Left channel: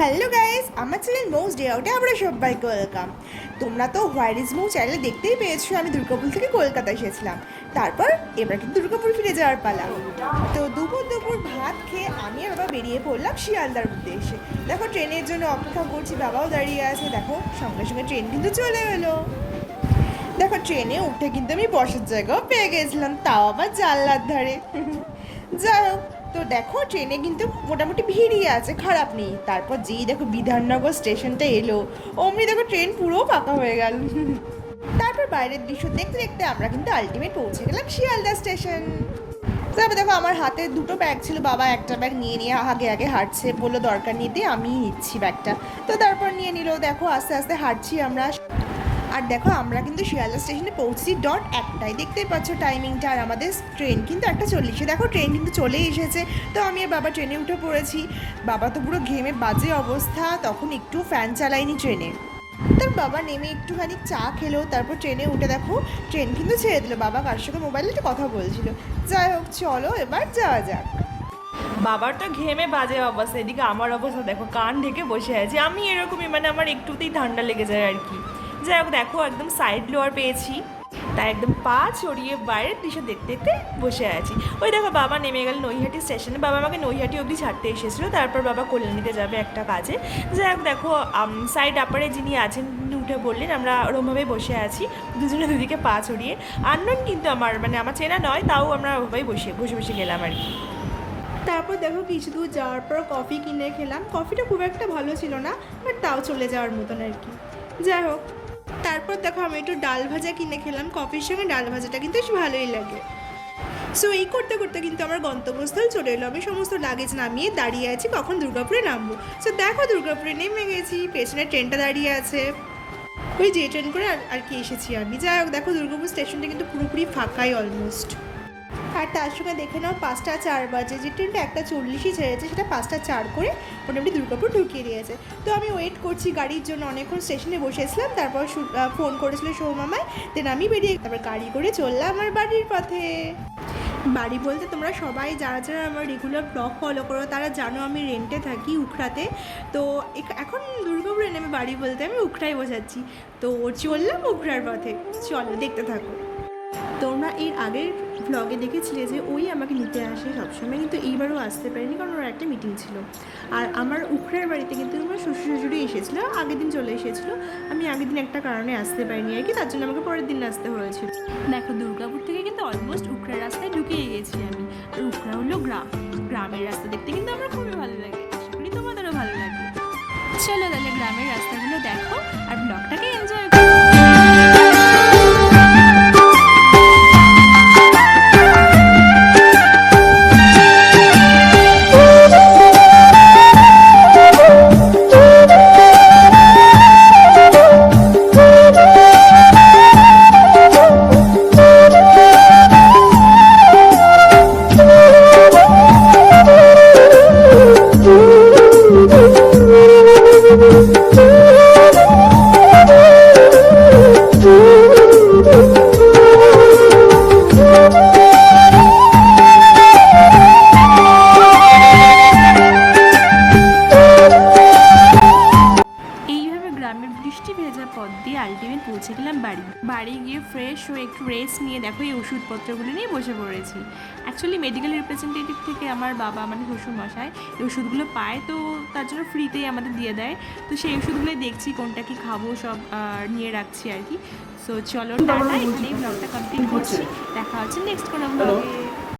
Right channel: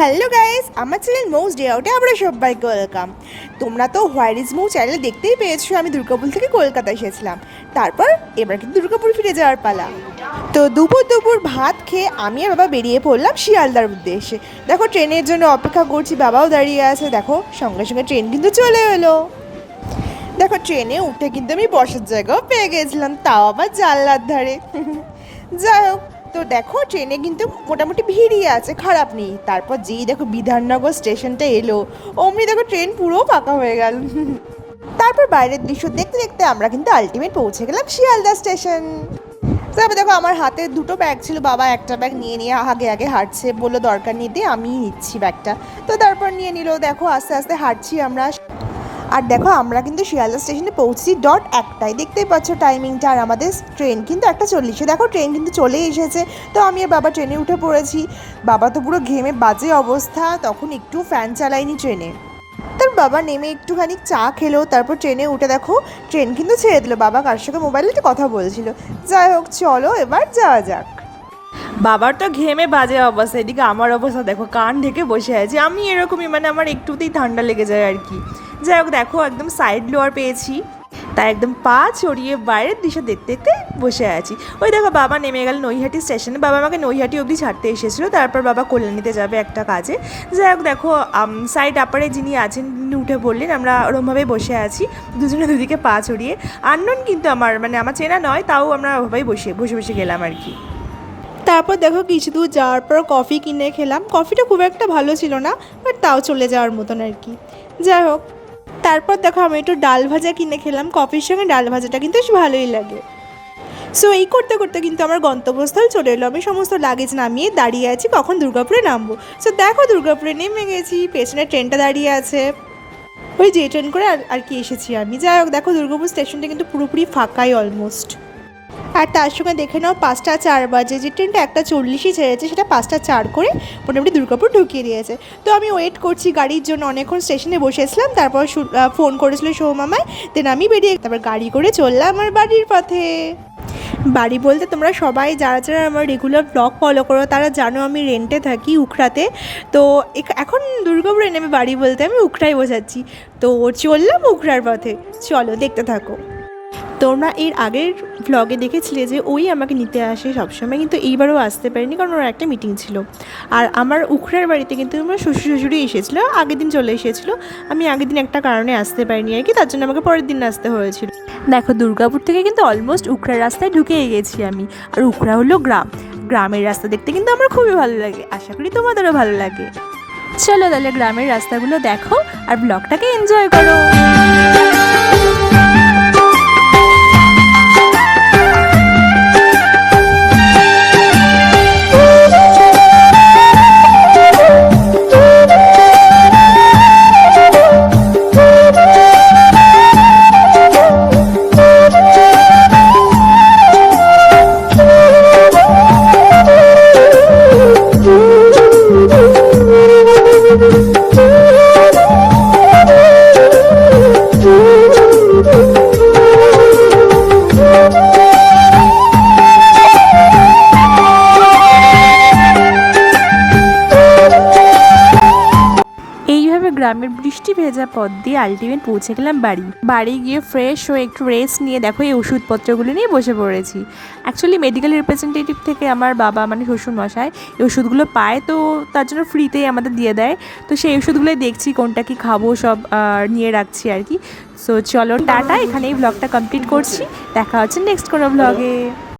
Hello guys, আমার channel most day আউটে আমরা সবাইকে ওয়েলকাম। তোমরা তো হোয়ার ইজ মো চ্যানেলে দেখতেই পেয়েছো আমি দুর্গাপুর থেকে কলকাতা এসেছিলাম। তারপর এবার কিন্তু দুর্গাপুর ফিরে যাওয়ার পালা। তো দুপুর ভাত খেয়ে আমি আর বাবা বেরিয়ে পড়লাম শিয়ালদার উদ্দেশ্যে। দেখো ট্রেনের জন্য অপেক্ষা করছি, বাবাও দাঁড়িয়ে আছে। দেখো সঙ্গে সঙ্গে ট্রেন কিন্তু চলে এলো। দেখো ট্রেনে উঠে কিন্তু আমি বসার জায়গাও পেয়ে গেছিলাম, তাও আবার জানলার ধারে। যাই হোক, তো দেখো ট্রেনে কিন্তু মোটামুটি ভিড়ই আছে, খারাপ নেই। তারপর যেই দেখো বিধাননগর স্টেশনটা এলো, অমনি দেখো ট্রেন পুরো ফাঁকা হয়ে গেল। তারপর বাইরের দৃশ্য দেখতে দেখতে আমরা কিন্তু আলটিমেট পৌঁছে গেলাম শিয়ালদা স্টেশন। তারপর দেখো আমার হাতে দুটো ব্যাগ ছিল, বাবা একটা ব্যাগ নিয়ে নিয়ে আগে আগে হাঁটছে, বললো দরকার নেই, দিয়ে আমি নিচ্ছি ব্যাগটা। তো তারপর নিয়ে নিল। দেখো আস্তে আস্তে হাঁটছি আমরা। আর দেখো আমরা কিন্তু শিয়ালদা স্টেশনে পৌঁছি ডট একটাই, দেখতেই পাচ্ছ টাইমিংটা। আর আমাদের ট্রেন কিন্তু 1:40। দেখো ট্রেন কিন্তু চলেই এসেছে। তো আমি আর বাবা ট্রেনে উঠে পড়েছি। বাবা তো পুরো ঘেমে বাজে অবস্থা, তখন একটু ফ্যান চালায়নি ট্রেনে। তার বাবা নেমে একটুখানি চা খেলো, তারপর ট্রেনে উঠে দেখো ট্রেন কিন্তু ছেড়ে দিল। বাবা কার সঙ্গে মোবাইলে একটা কথা বলছিল। যাই হোক, চলো এবার যাওয়া যাক। বাবার তো ঘেমে বাজে অবস্থা, এদিকে আমার অবস্থা দেখো, কান ঢেকে বসে আছে। আমি এরকমই, মানে আমার একটুতেই ঠান্ডা লেগে যায় আর কি। যাই হোক, দেখো একদম সাইড লোয়ার পেয়েছি, তাই একদম পা ছড়িয়ে বাইরের দৃশ্য দেখতে দেখতে বসে আছি। ওই দেখো বাবা নেমে গেল নৈহাটি স্টেশনে। বাবা আমাকে নৈহাটি অবধি ছাড়তে এসেছিলো, তারপর বাবা কল্যাণীতে যাবে একটা কাজে। যাই হোক, দেখো সাইড আপারে যিনি আছেন তিনি উঠে পড়লেন, আমরা ওরমভাবেই বসে আছি দুজনে দুদিকে পা ছড়িয়ে। আননোন কিন্তু আমার, মানে আমার চেনা নয়, তাও আমরা ওভাবেই বসে বসে গেলাম আর কি। তারপর দেখো কিছু দূর যাওয়ার পর কফি কিনে খেলাম। কফিটা খুব একটা ভালো ছিল না, বাট তাও চলে যাওয়ার মতন আর কি। যাই হোক, তারপর দেখো আমি একটু ডাল ভাজা কিনে খেলাম। কফির সঙ্গে ডাল ভাজাটা কিন্তু বেশ ভালোই লাগে। সো এই করতে করতে কিন্তু আমার গন্তব্যস্থল চলে এলো। আমি সমস্ত লাগেজ নামিয়ে দাঁড়িয়ে আছি কখন দুর্গাপুরে নামবো। সো দেখো দুর্গাপুরে নেমে গেছি, পেছনে ট্রেনটা দাঁড়িয়ে আছে। ওই যে ট্রেন করে আর কি এসেছি আমি। যাই হোক, দেখো দুর্গাপুর স্টেশনটা কিন্তু পুরোপুরি ফাঁকাই অলমোস্ট। আর তার সঙ্গে দেখে নাও 5টা 4 বাজে, যে ট্রেনটা 1:40 ছেড়েছে সেটা 5টা 4 করে মোটামুটি দুর্গাপুর ঢুকিয়ে দিয়েছে। তো আমি ওয়েট করছি গাড়ির জন্য, অনেকক্ষণ স্টেশনে বসেছিলাম। তারপর ফোন করেছিল সৌমামায়, দেন আমি বেরিয়ে তারপর গাড়ি করে চললাম আমার বাড়ির পথে। বাড়ি বলতে তোমরা সবাই যারা যারা আমার রেগুলার ব্লগ ফলো করো তারা জানো আমি রেন্টে থাকি উখড়াতে। তো এখন দুর্গাপুরে নেমে বাড়ি বলতে আমি উখড়াই বোঝাচ্ছি। তো চললাম উখড়ার পথে, চলো দেখতে থাকো। তোমরা এর আগের ভ্লগে দেখেছিলে যে ওই আমাকে নিতে আসে সবসময়, কিন্তু এইবারও আসতে পারিনি কারণ ওর একটা মিটিং ছিল। আর আমার উখড়ার বাড়িতে কিন্তু আমার শ্বশুর শাশুড়ি এসেছিলো, আগের দিন চলে এসেছিলো। আমি আগের দিন একটা কারণে আসতে পারিনি আর কি, তার জন্য আমাকে পরের দিন আসতে হয়েছিল। দেখো দুর্গাপুর থেকে কিন্তু অলমোস্ট উখড়ার রাস্তায় ঢুকেই গেছি আমি। আর উখড়া হলো গ্রামের রাস্তা দেখতে কিন্তু আমার খুবই ভালো লাগে, আশা করি তোমাদেরও ভালো লাগে। চলো তাহলে গ্রামের রাস্তাগুলো দেখো আর ব্লগটাকে এনজয় করো। গ্রামের বৃষ্টি ভেজা পথ দিয়ে আলটিমেট পৌঁছে গেলাম বাড়ি গিয়ে ফ্রেশ হয়ে একটু রেস্ট নিয়ে দেখো এই ওষুধপত্রগুলো নিয়ে বসে পড়েছি। অ্যাকচুয়ালি মেডিকেল রিপ্রেজেন্টেটিভ থেকে আমার বাবা মানে শ্বশুর মশাই এই ওষুধগুলো পায়, তো তার জন্য ফ্রিতেই আমাদের দিয়ে দেয়। তো সেই ওষুধগুলোই দেখছি কোনটা কি খাবো, সব নিয়ে রাখছি আর কি। সো চলো টাটা, এখানেই ব্লগটা কমপ্লিট করছি। দেখা হচ্ছে নেক্সট কোনো ব্লগে।